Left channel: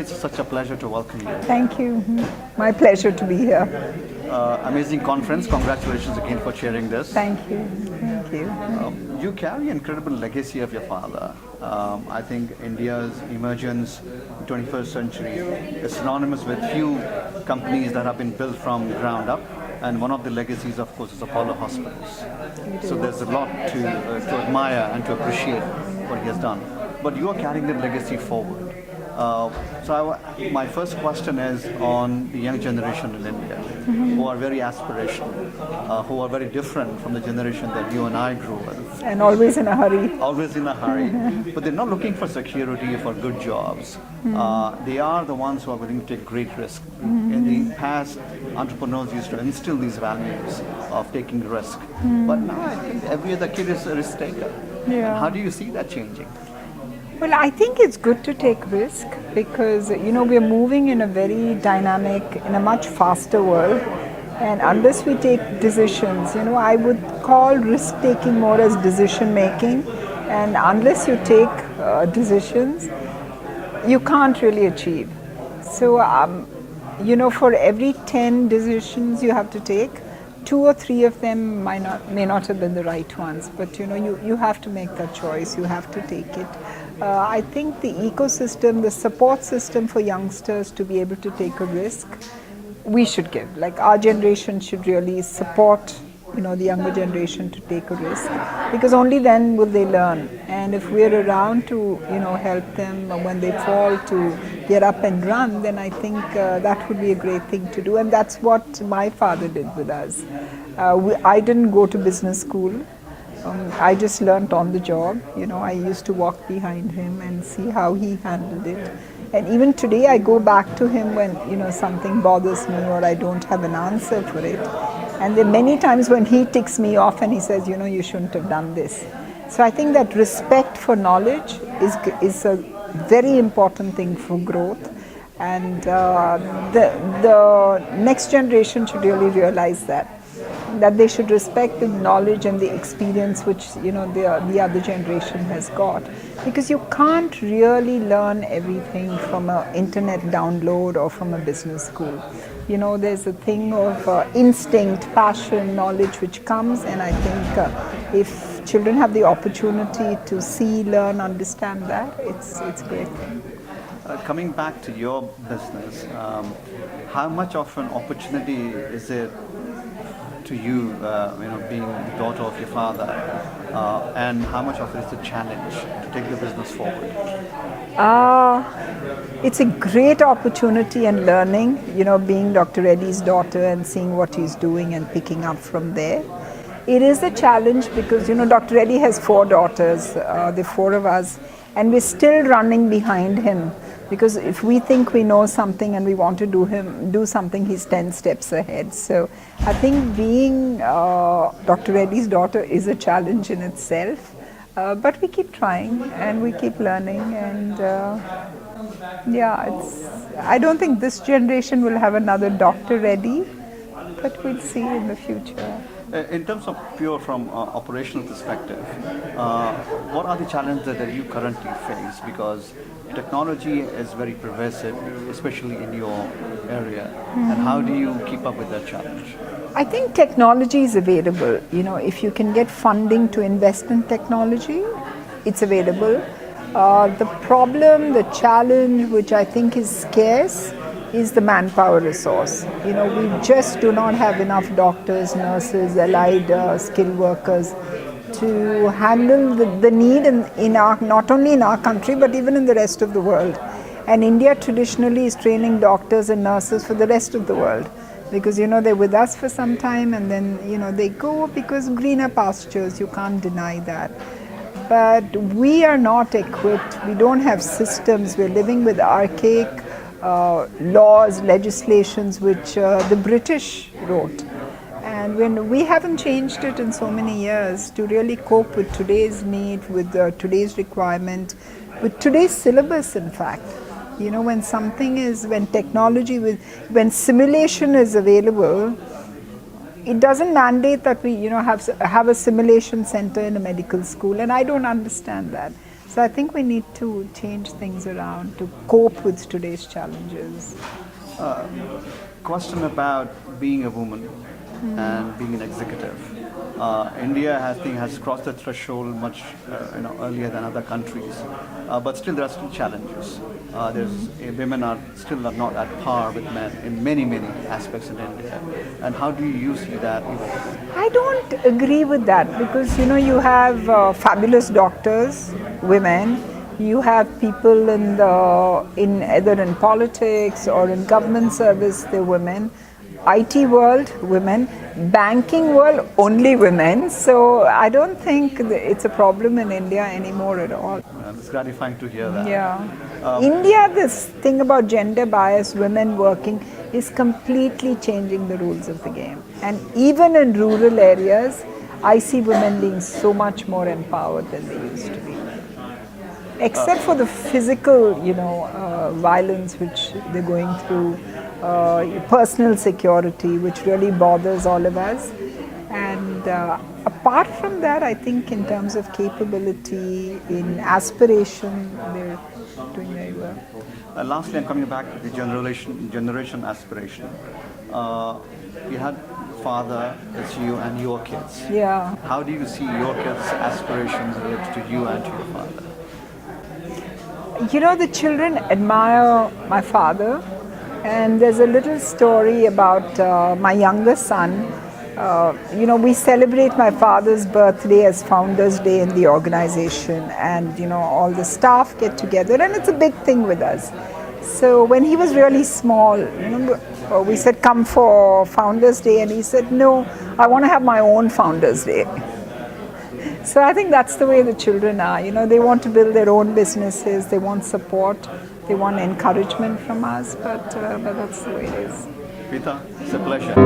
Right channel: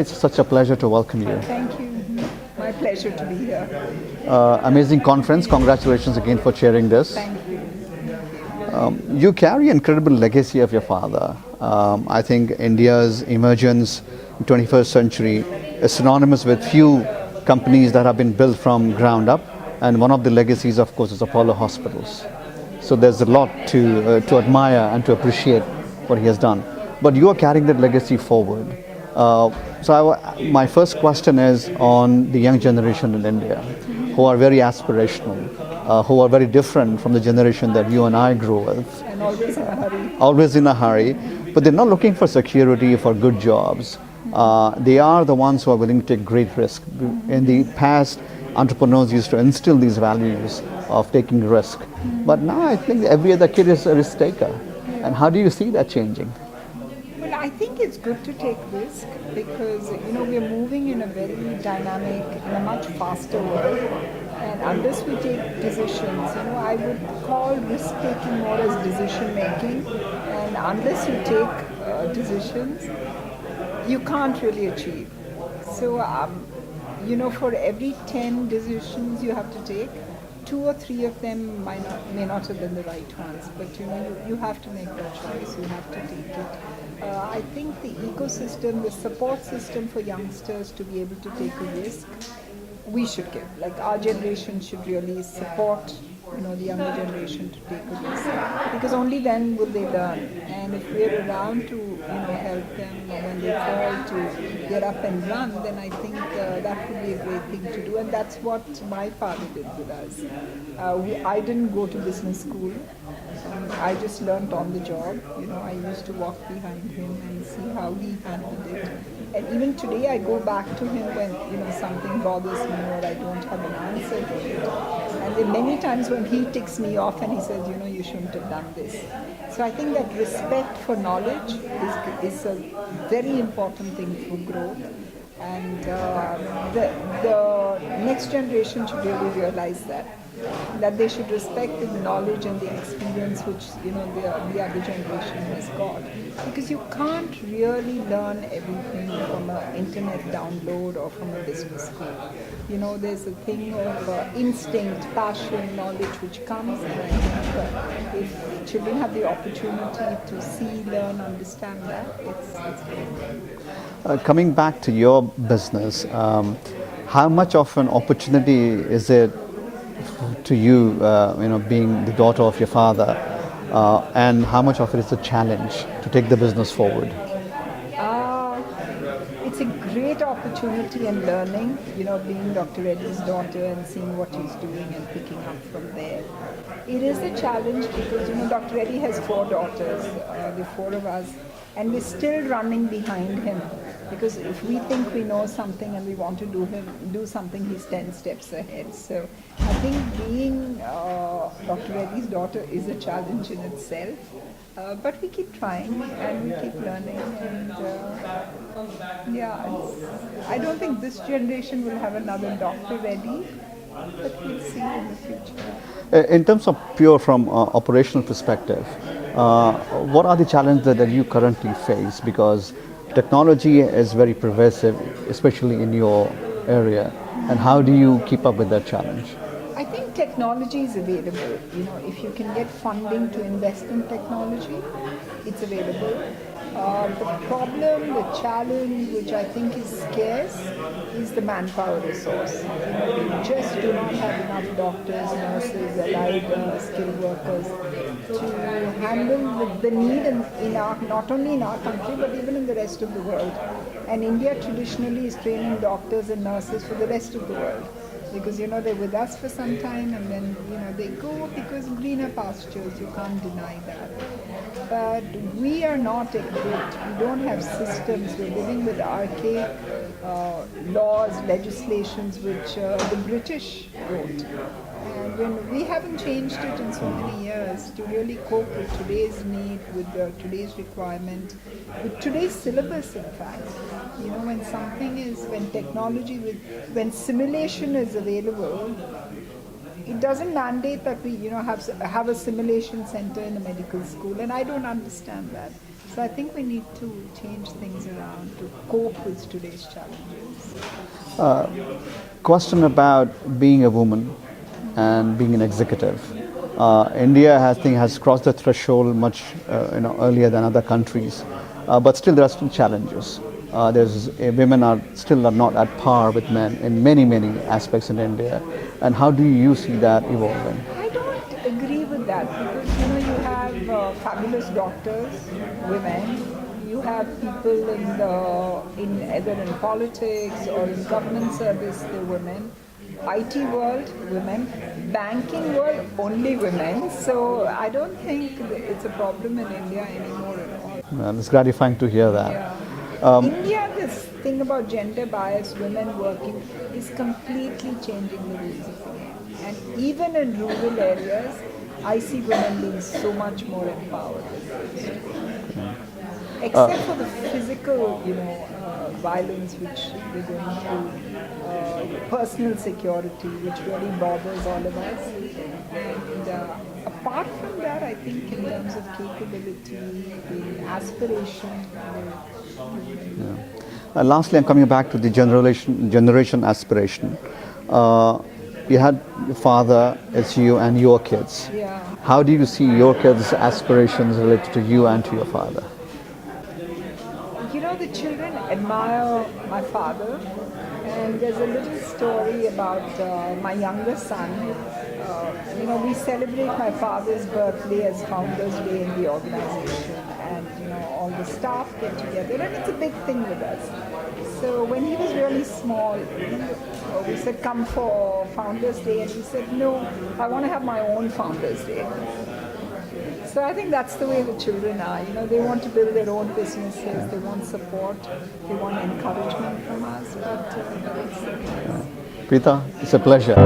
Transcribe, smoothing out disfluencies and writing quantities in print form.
Preetha, it's such a pleasure to welcome you. Thank you. My pleasure to be here. Amazing conference. Congratulations again for chairing this. Thank you. Thank you. You carry an incredible legacy of your father. I think India's emergence in 21st century is synonymous with few companies that have been built from ground up, and one of the legacies, of course, is Apollo Hospitals. So there's a lot to admire and to appreciate what he has done. But you are carrying that legacy forward. My first question is on the young generation in India, who are very aspirational, who are very different from the generation that you and I grew with. And always in a hurry. Always in a hurry, but they're not looking for security, for good jobs. They are the ones who are willing to take great risk. In the past, entrepreneurs used to instill these values of taking risk. But now I think every other kid is a risk taker. Yeah. And how do you see that changing? Well, I think it's good to take risk because, we're moving in a very dynamic, in a much faster world. And unless we take decisions, I would call risk-taking more as decision-making. And unless you take decisions, you can't really achieve. So, for every 10 decisions you have to take, 2 or 3 of them may not have been the right ones. But, you have to make that choice. You have to take it. I think the ecosystem, the support system for youngsters to be able to take a risk, we should give. Like our generation should really support, the younger generation to take a risk, because only then will they learn. And if we're around to, help them when they fall to get up and run, then I think that would be a great thing to do. And that's what my father did with us. I didn't go to business school. I just learned on the job. I used to walk behind him and see how he handled it. And even today I go back to him when, something bothers me or I don't have an answer for it. And there are many times when he ticks me off and he says, you shouldn't have done this. So I think that respect for knowledge is a very important thing for growth. And the next generation should really realize that they should respect the knowledge and the experience which the other generation has got, because you can't really learn everything from an internet download or from a business school. There's a thing of instinct, passion, knowledge which comes, and I think if children have the opportunity to see, learn, understand that, it's great. Coming back to your business, how much of an opportunity is it to you, being the daughter of your father, and how much of it is a challenge to take the business forward? It's a great opportunity and learning, being Dr. Reddy's daughter and seeing what he's doing and picking up from there. It is a challenge because, Dr. Reddy has 4 daughters, the 4 of us, and we're still running behind him. Because if we think we know something and we want to do something, he's 10 steps ahead. So I think being Dr. Reddy's daughter is a challenge in itself. But we keep trying and we keep learning. And I don't think this generation will have another Dr. Reddy, but we'll see in the future. In terms of pure from operational perspective, what are the challenges that you currently face? Because technology is very pervasive, especially in your area. And how do you keep up with that challenge? I think technology is available. If you can get funding to invest in technology, it's available. The problem, the challenge, which I think is scarce, is the manpower resource. We just do not have enough doctors, nurses, allied skilled workers to handle the need in our, not only in our country but even in the rest of the world. And India traditionally is training doctors and nurses for the rest of the world, because they're with us for some time and then they go because greener pastures, you can't deny that. But we are not equipped, we don't have systems, we're living with archaic laws, legislations which the British wrote. And when we haven't changed it in so many years to really cope with today's need, with today's requirement, with today's syllabus in fact. When technology, when simulation is available, it doesn't mandate that we have a simulation center in a medical school, and I don't understand that. So I think we need to change things around to cope with today's challenges. Question about being a woman and being an executive. India, I think, has crossed the threshold much earlier than other countries, but still there are still challenges. Women are still not at par with men in many aspects in India. And how do you see that evolving? I don't agree with that because you have fabulous doctors, women. You have people in either in politics or in government service, they're women. IT world, women. Banking world, only women. So I don't think it's a problem in India anymore at all. Well, it's gratifying to hear that. Yeah. India, this thing about gender bias, women working, is completely changing the rules of the game. And even in rural areas, I see women being so much more empowered than they used to be. Except for the physical, violence which they're going through, personal security, which really bothers all of us. And apart from that, I think in terms of capability, in aspiration, they're doing very well. Lastly, I'm coming back to the generation aspiration. You had your father, it's you and your kids. Yeah. How do you see your kids' aspirations related to you and to your father? The children admire my father, and there's a little story about my younger son. We celebrate my father's birthday as Founders Day in the organization, and all the staff get together, and it's a big thing with us. So when he was really small, we said, come for Founders Day, and he said, no, I want to have my own Founders Day. So I think that's the way the children are. They want to build their own businesses, they want support, they want encouragement from us, but that's the way it is. Preetha, it's a pleasure.